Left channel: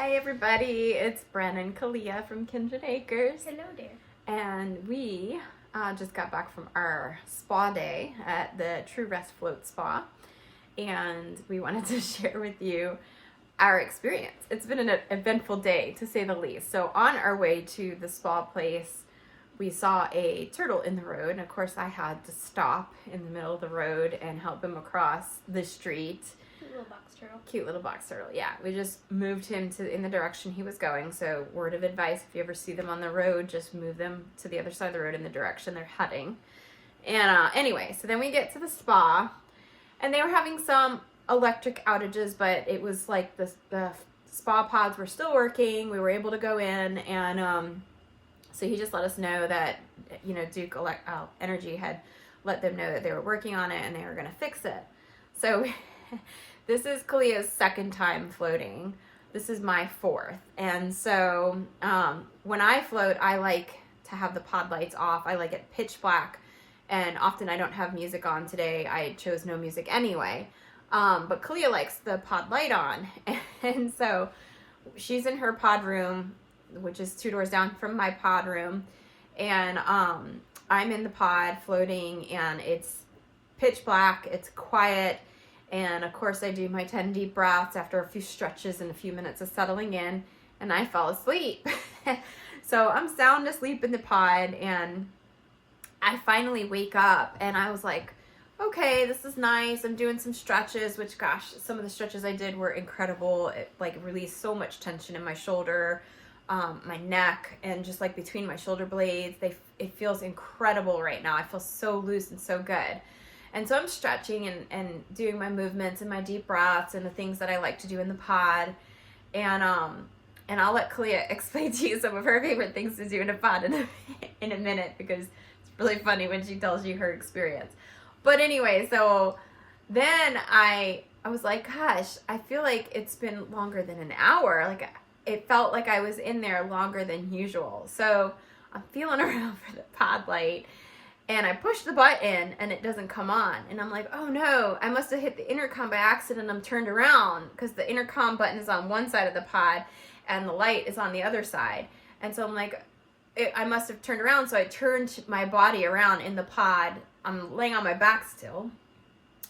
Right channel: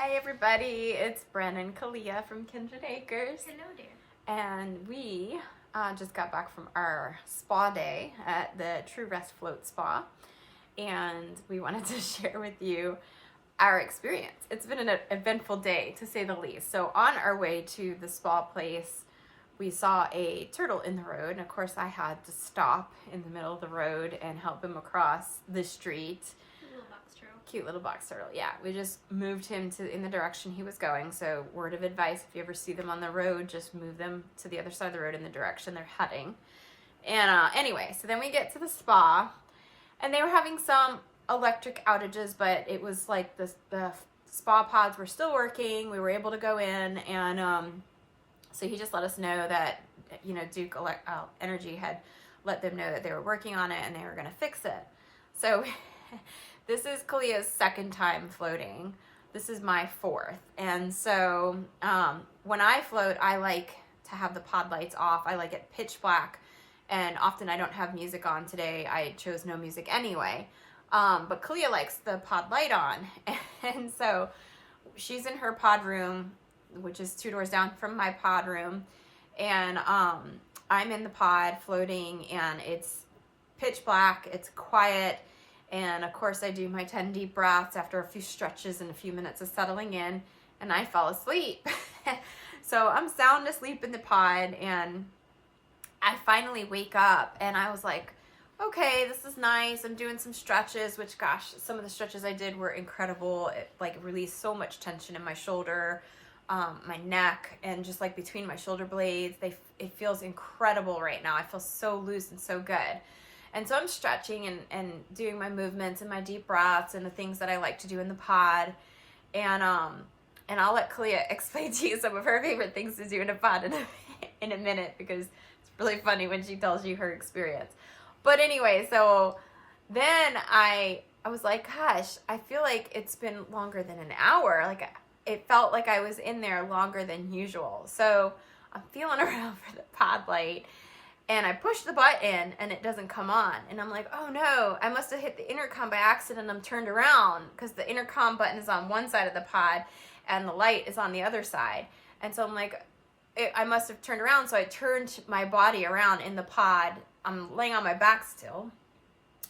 Hi everybody, it's Bren and Kalia from Kindred Acres. Hello there. And we just got back from our spa day at the True Rest Float Spa. And we wanted to share with you our experience. It's been an eventful day, to say the least. So on our way to the spa place, we saw a turtle in the road. And of course I had to stop in the middle of the road and help him across the street. Little box turtle. Cute little box turtle. Yeah, we just moved him in the direction he was going. So word of advice, if you ever see them on the road, just move them to the other side of the road in the direction they're heading. And anyway, so then we get to the spa and they were having some electric outages, but it was like the spa pods were still working. We were able to go in, and so he just let us know that, you know, Duke Energy had let them know that they were working on it and they were going to fix it. So this is Kalia's second time floating. This is my fourth. And so when I float, I like to have the pod lights off. I like it pitch black. And often I don't have music on. Today I chose no music anyway. But Kalia likes the pod light on. And so she's in her pod room, which is 2 doors down from my pod room. And I'm in the pod floating, and it's pitch black. It's quiet. And of course I do my 10 deep breaths after a few stretches and a few minutes of settling in, and I fell asleep. So I'm sound asleep in the pod, and I finally wake up and I was like, okay, this is nice. I'm doing some stretches, which gosh, some of the stretches I did were incredible. It like released so much tension in my shoulder, my neck, and just like between my shoulder blades. It feels incredible right now. I feel so loose and so good. And so I'm stretching and doing my movements and my deep breaths and the things that I like to do in the pod. And I'll let Kalia explain to you some of her favorite things to do in a pod in a minute, because it's really funny when she tells you her experience. But anyway, so then I was like, gosh, I feel like it's been longer than an hour. Like it felt like I was in there longer than usual. So I'm feeling around for the pod light. And I push the button and it doesn't come on. And I'm like, oh no, I must have hit the intercom by accident. I'm turned around because the intercom button is on one side of the pod and the light is on the other side. And so I'm like, I must have turned around. So I turned my body around in the pod. I'm laying on my back still.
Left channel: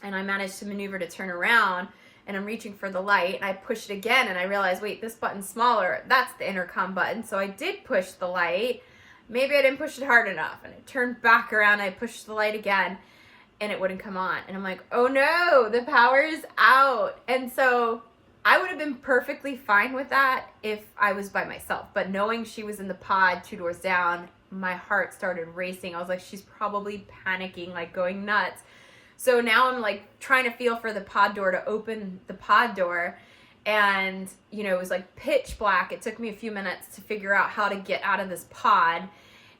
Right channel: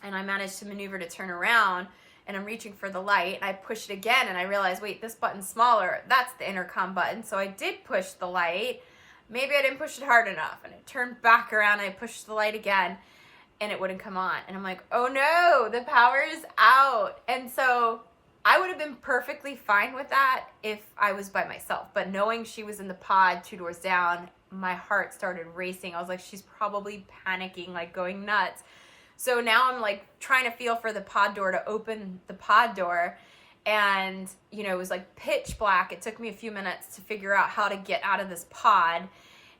And I managed to maneuver to turn around, and I'm reaching for the light. And I push it again and I realized, wait, this button's smaller. That's the intercom button. So I did push the light. Maybe I didn't push it hard enough, and I turned back around, I pushed the light again, and it wouldn't come on. And I'm like, oh no, the power is out. And so I would have been perfectly fine with that if I was by myself. But knowing she was in the pod 2 doors down, my heart started racing. I was like, she's probably panicking, like going nuts. So now I'm like trying to feel for the pod door to open the pod door. And, you know, it was like pitch black. It took me a few minutes to figure out how to get out of this pod.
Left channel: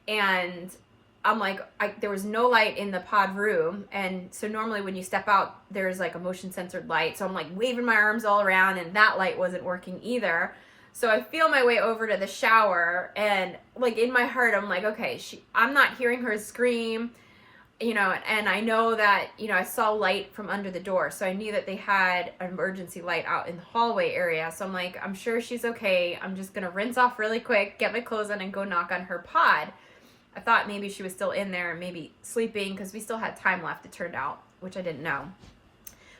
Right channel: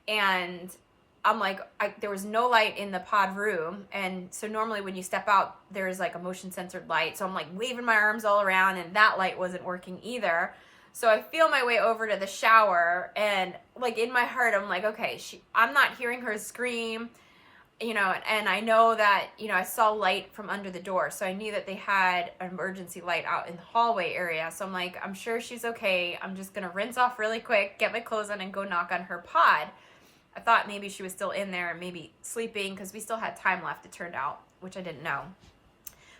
And I'm like, there was no light in the pod room. And so normally when you step out, there's like a motion censored light. So I'm like waving my arms all around, and that light wasn't working either. So I feel my way over to the shower, and like in my heart, I'm like, okay, I'm not hearing her scream. You know, and I know that, you know, I saw light from under the door. So I knew that they had an emergency light out in the hallway area. So I'm like, I'm sure she's okay. I'm just going to rinse off really quick, get my clothes on, and go knock on her pod. I thought maybe she was still in there and maybe sleeping, because we still had time left, it turned out, which I didn't know.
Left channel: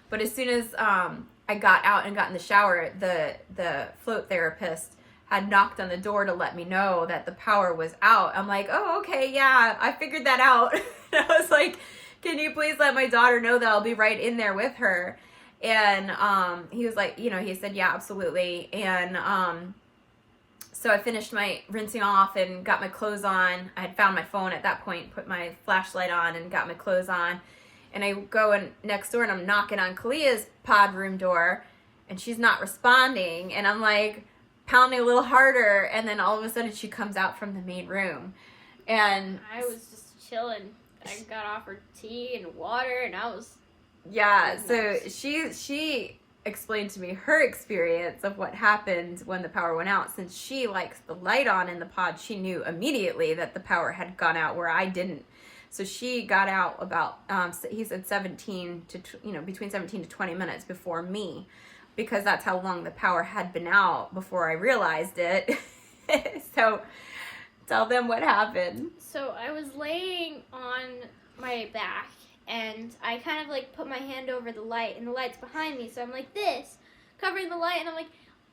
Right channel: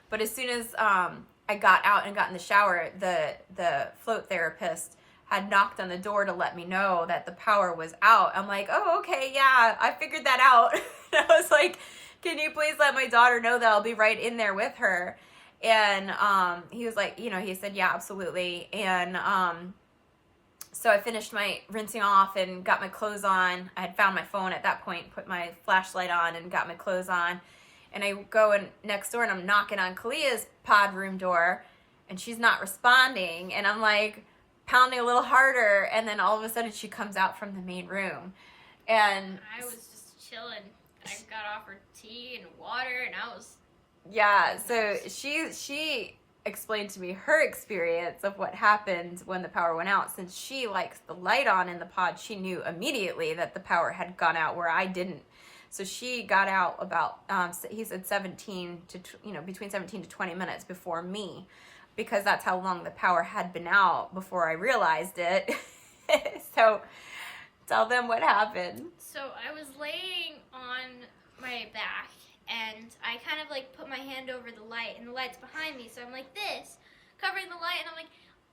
But as soon as I got out and got in the shower, the float therapist had knocked on the door to let me know that the power was out. I'm like, oh, okay, yeah, I figured that out. I was like, can you please let my daughter know that I'll be right in there with her? And he was like, you know, he said, yeah, absolutely. And so I finished my rinsing off and got my clothes on. I had found my phone at that point, put my flashlight on and got my clothes on. And I go in next door and I'm knocking on Kalia's pod room door, and she's not responding. And I'm like pounding a little harder, and then all of a sudden she comes out from the main room. And I was just chilling. I got offered tea and water, and I was... Yeah, so she explained to me her experience of what happened when the power went out. Since she likes the light on in the pod, she knew immediately that the power had gone out, where I didn't. So she got out about, he said 17 to, between 17 to 20 minutes before me, because that's how long the power had been out before I realized it. So tell them what happened. So I was laying on my back, and I kind of like put my hand over the light, and the light's behind me, so I'm like this, covering the light, and I'm like,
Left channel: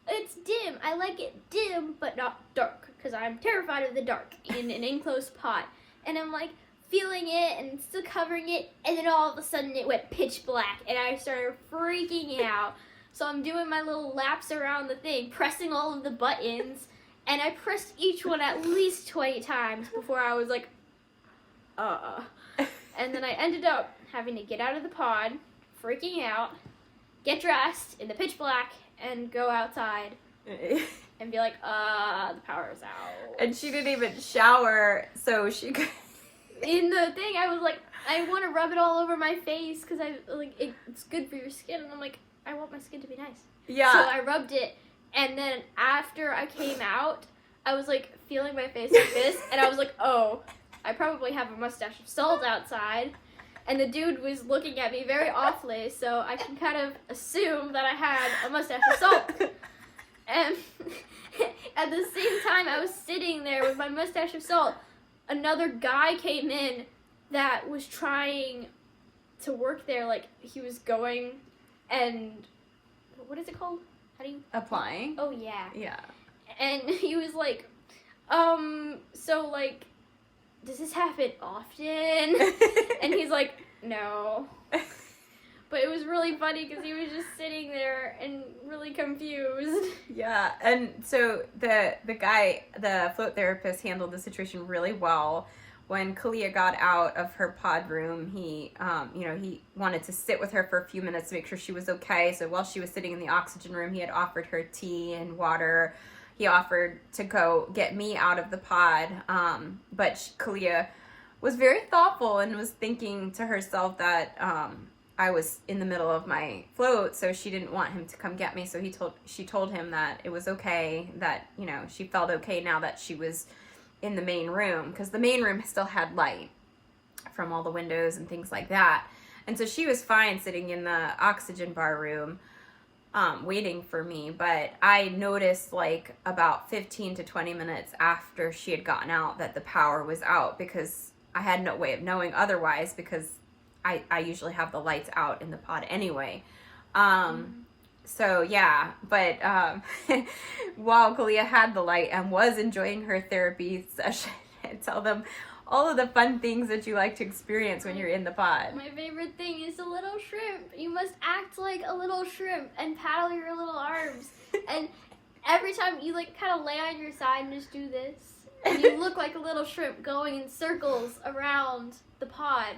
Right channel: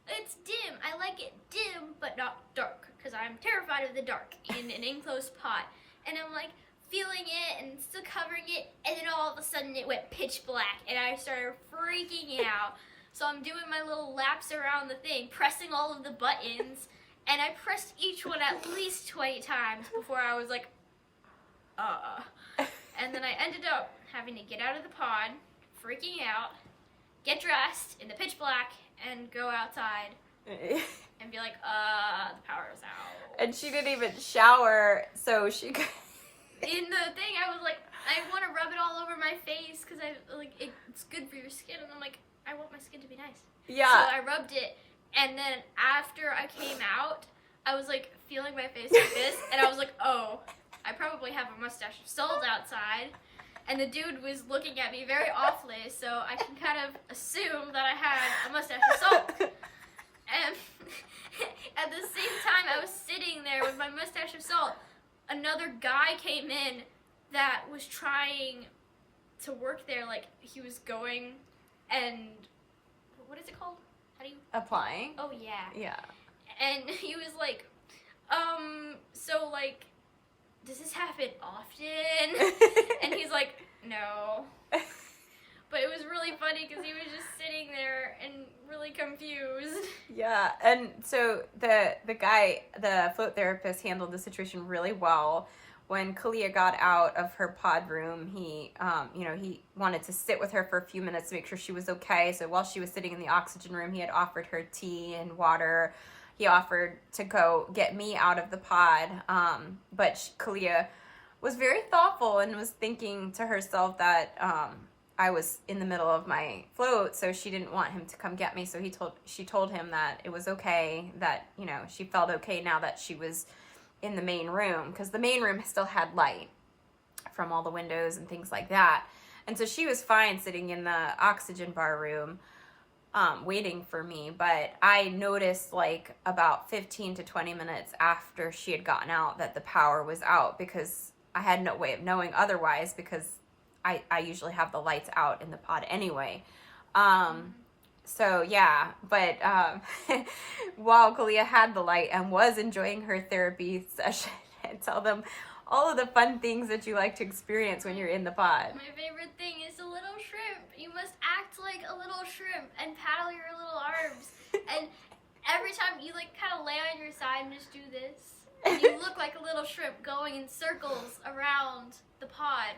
it's dim. I like it dim, but not dark, because I'm terrified of the dark in an enclosed pod. And I'm like feeling it and still covering it, and then all of a sudden it went pitch black, and I started freaking out. So I'm doing my little laps around the thing, pressing all of the buttons, and I pressed each one at least 20 times before I was like, And then I ended up having to get out of the pod, freaking out, get dressed in the pitch black, and go outside and be like, the power's out. And she didn't even shower, so she could... In the thing, I was like, I want to rub it all over my face, because it's good for your skin, and I'm like, I want my skin to be nice. Yeah. So I rubbed it, and then after I came out, I was like feeling my face like this, and I was like, oh, I probably have a mustache of salt outside. And the dude was looking at me very awfully, so I can kind of assume that I had a mustache of salt. And at the same time I was sitting there with my mustache of salt, another guy came in that was trying to work there, like he was going and, what is it called? How do you? Applying? Oh, yeah. Yeah. And he was like, so like, does this happen often? And he's like, no. But it was really funny because he was just sitting there and really confused. Yeah, and so the guy, the float therapist, handled the situation really well. When Kalia got out of her pod room, he wanted to sit with her for a few minutes to make sure she was okay. So while she was sitting in the oxygen room, he had offered her tea and water. He offered to go get me out of the pod, but Kalia was very thoughtful and was thinking to herself that I was in the middle of my float, so she didn't want him to come get me. So she told him that it was okay, that she felt okay now that she was in the main room, because the main room still had light from all the windows and things like that. And so she was fine sitting in the oxygen bar room, waiting for me. But I noticed like about 15 to 20 minutes after she had gotten out that the power was out, because I had no way of knowing otherwise, because I usually have the lights out in the pod anyway. So yeah, but while Kalia had the light and was enjoying her therapy session, I tell them all of the fun things that you like to experience when you're in the pod. My favorite thing is a little shrimp. You must act like a little shrimp and paddle your little arms. And every time you like kind of lay on your side and just do this, and you look like a little shrimp going in circles around the pod.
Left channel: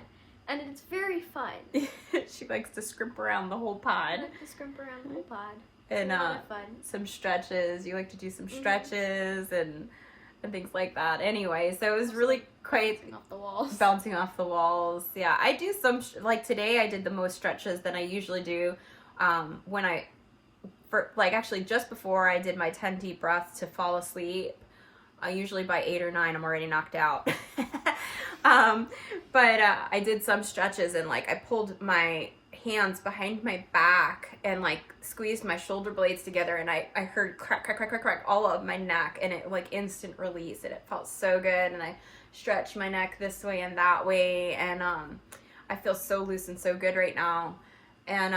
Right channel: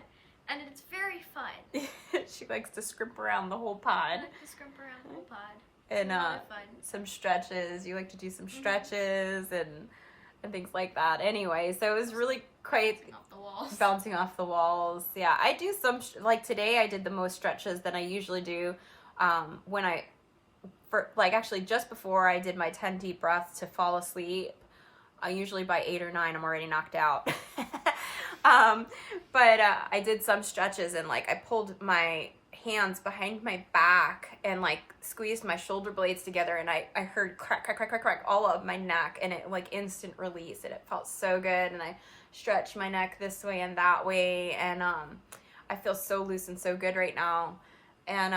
And it's very fun. She likes to scrimp around the whole pod. I like to scrimp around the whole pod. And a lot of fun. Some stretches. You like to do some stretches and things like that. Anyway, so it was really quite bouncing off the walls. Bouncing off the walls. Yeah, I do some like today. I did the most stretches that I usually do. Actually just before I did my 10 deep breaths to fall asleep. Usually by 8 or 9, I'm already knocked out. But I did some stretches, and like I pulled my hands behind my back and like squeezed my shoulder blades together, and I heard crack, crack, crack, crack, crack all of my neck, and it like instant release, and it felt so good. And I stretched my neck this way and that way, and I feel so loose and so good right now. And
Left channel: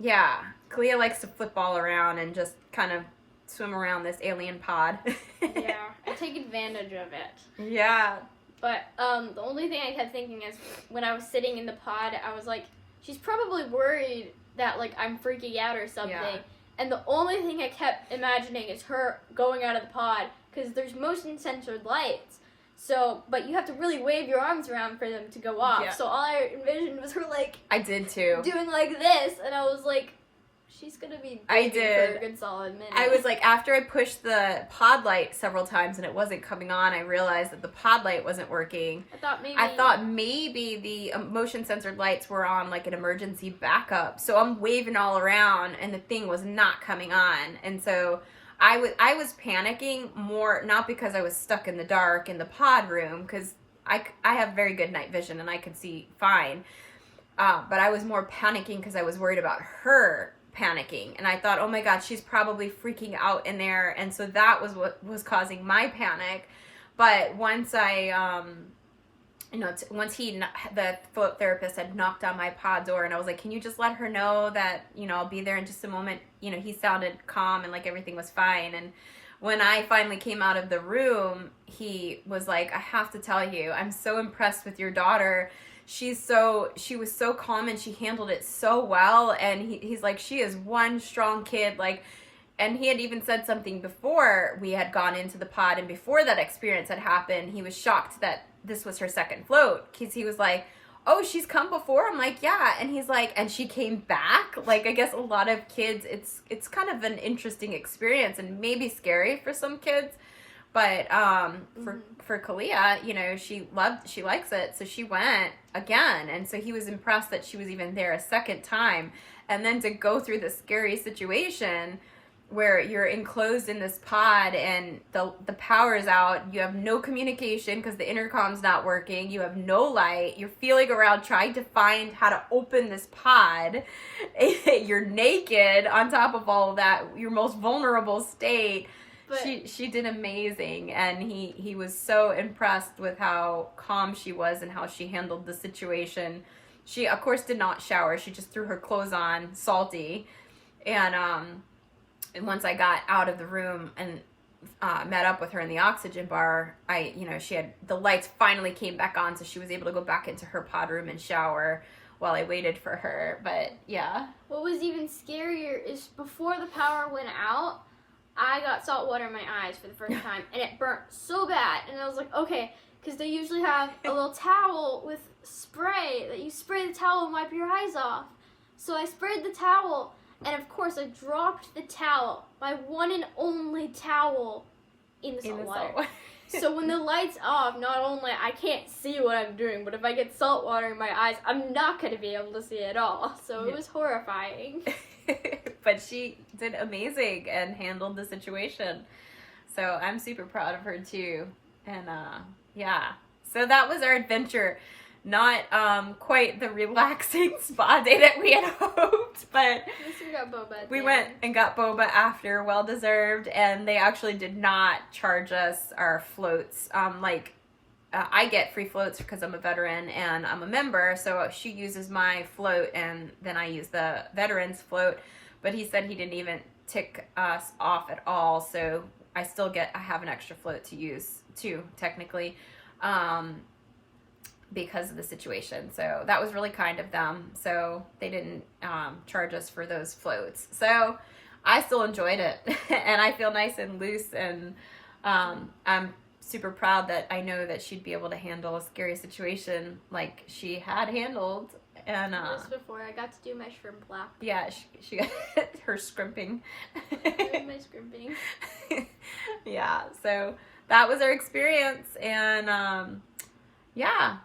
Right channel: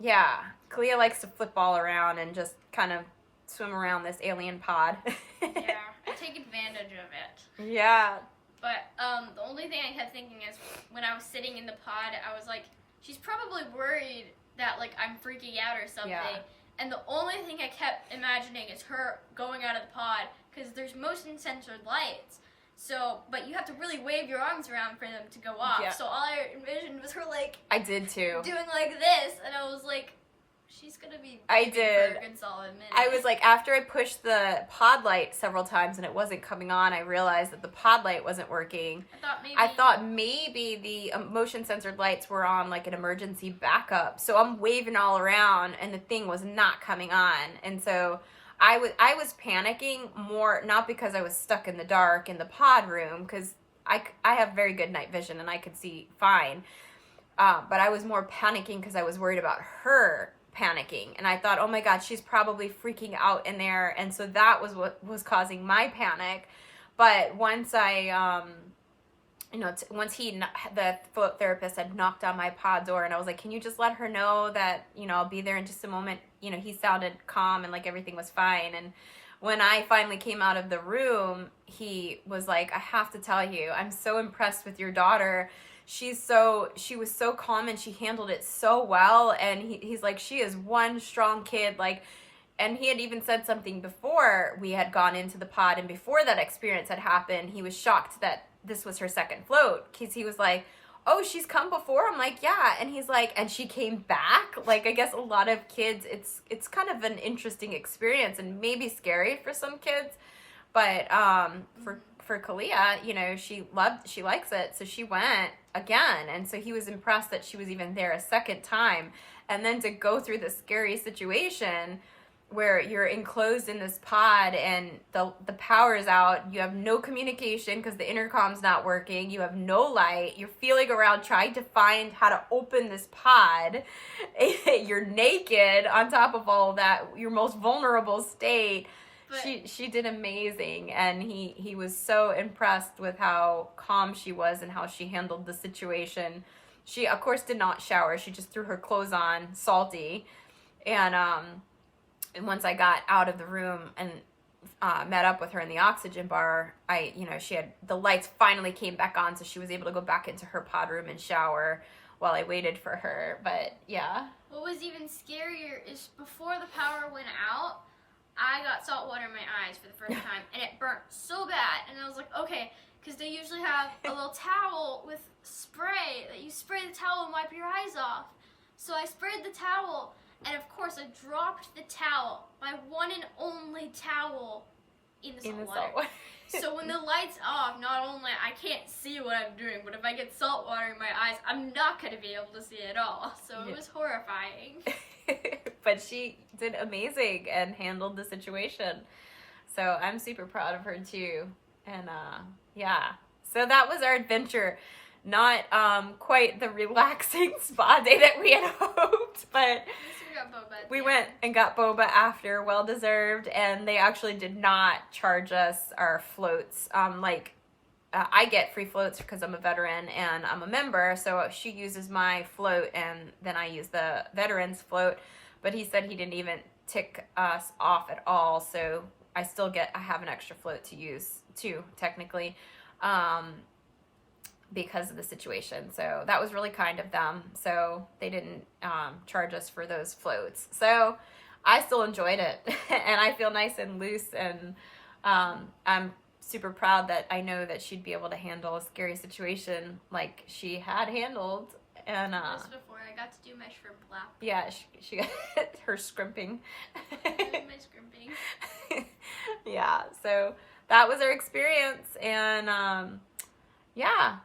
yeah, Kalia likes to flip all around and just kind of swim around this alien pod. Yeah, I take advantage of it. Yeah. But the only thing I kept thinking is when I was sitting in the pod, I was like, she's probably worried that like I'm freaking out or something. Yeah. And the only thing I kept imagining is her going out of the pod, because there's motion censored lights. So, but you have to really wave your arms around for them to go off. Yeah. So all I envisioned was her like I did too. doing like this, and I was like, she's gonna be I breathing did. for a good solid minute. I was like, after I pushed the pod light several times and it wasn't coming on, I realized that the pod light wasn't working. I thought maybe the motion censored lights were on like an emergency backup. So I'm waving all around and the thing was not coming on. And so I was panicking more, not because I was stuck in the dark in the pod room, because I have very good night vision and I could see fine. But I was more panicking because I was worried about her panicking, and I thought, oh my God, she's probably freaking out in there, and so that was what was causing my panic. But once I, once the float therapist had knocked on my pod door, and I was like, can you just let her know that, I'll be there in just a moment. He sounded calm and like everything was fine. And when I finally came out of the room, he was like, I have to tell you, I'm so impressed with your daughter. She was so calm and she handled it so well. And he's like, she is one strong kid. Like, and he had even said something before we had gone into the pod, and before that experience had happened, he was shocked that this was her second float, because he was like, oh, she's come before? I'm like, yeah. And he's like, and she came back? Like, I guess a lot of kids, it's kind of an interesting experience and maybe scary for some kids. But for Kalia, she likes it. So she went again. And so he was impressed that she was even there a second time. And then to go through this scary situation where you're enclosed in this pod and the power is out, you have no communication because the intercom's not working, you have no light, you're feeling around trying to find how to open this pod, you're naked on top of all of that, your most vulnerable state. But she did amazing, and he was so impressed with how calm she was and how she handled the situation. She of course did not shower, she just threw her clothes on, salty, and once I got out of the room and met up with her in the oxygen bar, she had, the lights finally came back on, so she was able to go back into her pod room and shower while I waited for her. But yeah. What was even scarier is before the power went out, I got salt water in my eyes for the first time, and it burnt so bad. And I was like, okay, because they usually have a little towel with spray that you spray the towel and wipe your eyes off. So I sprayed the towel. And of course, I dropped the towel, my one and only towel, in the salt water. So when the light's off, not only I can't see what I'm doing, but if I get salt water in my eyes, I'm not going to be able to see at all. So it was horrifying. But she did amazing and handled the situation. So I'm super proud of her too. And yeah, so that was our adventure. Not quite the relaxing spa day that we had hoped, but At least we got boba. We went and got boba after, well deserved, and they actually did not charge us our floats. I get free floats because I'm a veteran and I'm a member, so she uses my float and then I use the veterans float. But he said he didn't even tick us off at all, so I have an extra float to use too, technically. Because of the situation. So that was really kind of them. So they didn't charge us for those floats. So I still enjoyed it. And I feel nice and loose. And I'm super proud that I know that she'd be able to handle a scary situation like she had handled. And just before I got to do my shrimp lap. Yeah, she got her scrimping. Doing my scrimping. Yeah, so that was our experience. And yeah.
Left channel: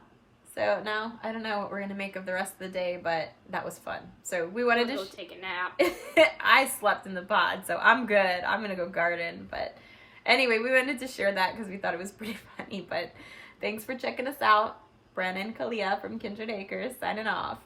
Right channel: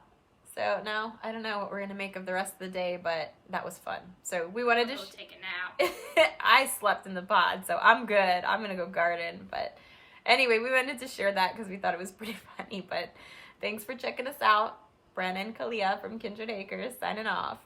So now, I don't know what we're going to make of the rest of the day, but that was fun. So we wanted to go take a nap. I slept in the pod, so I'm good. I'm going to go garden. But anyway, we wanted to share that because we thought it was pretty funny. But thanks for checking us out. Brennan Kalia from Kindred Acres signing off.